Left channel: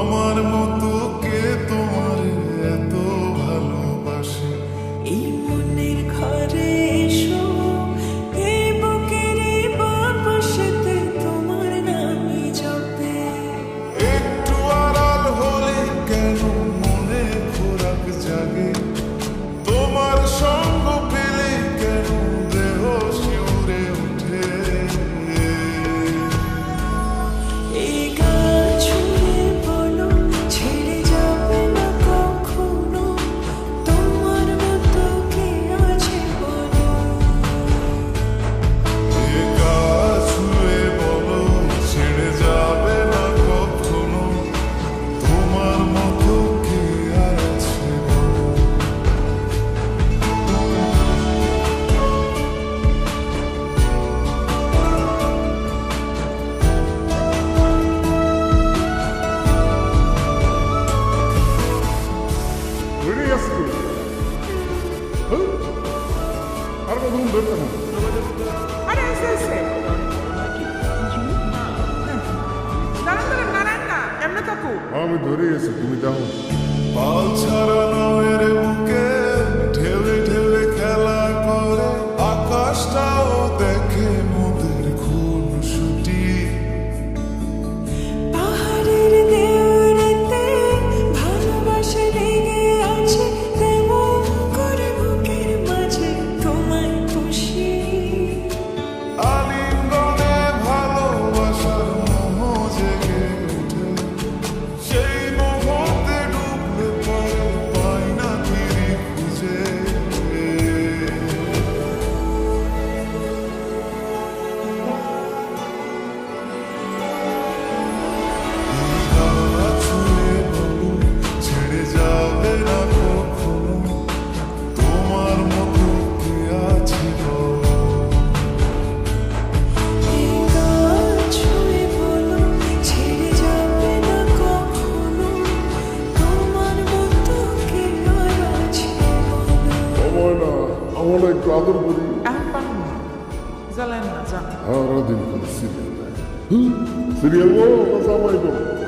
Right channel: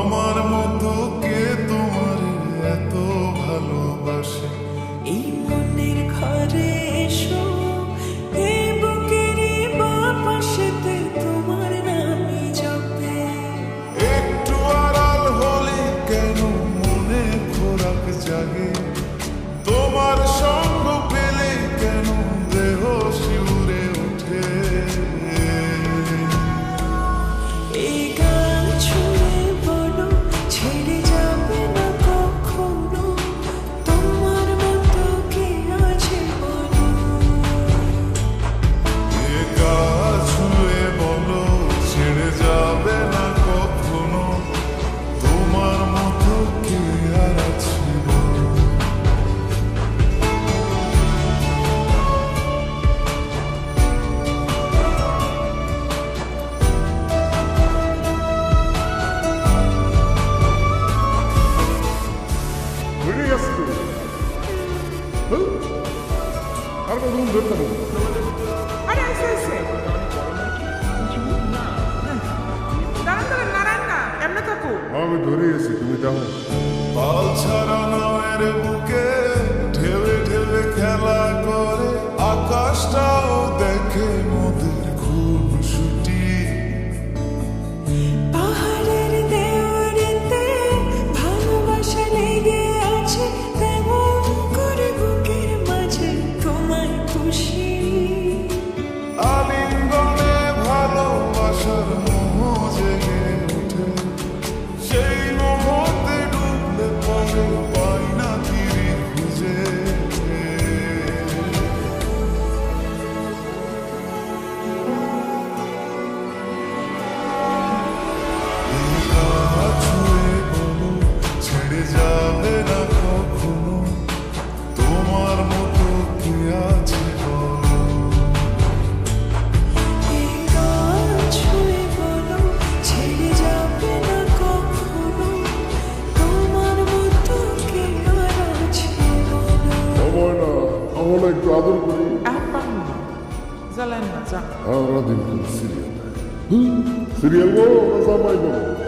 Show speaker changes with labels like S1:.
S1: আমার মতো কে তোমার এত ভালোবাসে?
S2: এই মনের ঘরে এসো এই তোমার একটু কেন মনে খোরাক
S1: জাগে? তোমার সঙ্গে ছেড়ে যাবে না কখনো। তোমার মতো কে আর আছে?
S3: আর কতক্ষণ ধরে থাকব?
S4: আরে দাঁড়ান দাঁড়ান নারায়ণ না এমনি থাকো।
S3: আমি ধরে এসেছি তুমি দেখো।
S1: পাল ছাড়া নামের বুকে ঢেলে ঢেবে খেলা করে আকাশটাও দেখে নদীর
S3: সময় না আমরা একটু আদর করি।
S4: এখন পান না। জ্বালেন না যান
S3: সারাদিন খালি সিরিয়াল সিরিয়াল বলো না জামাই বলো।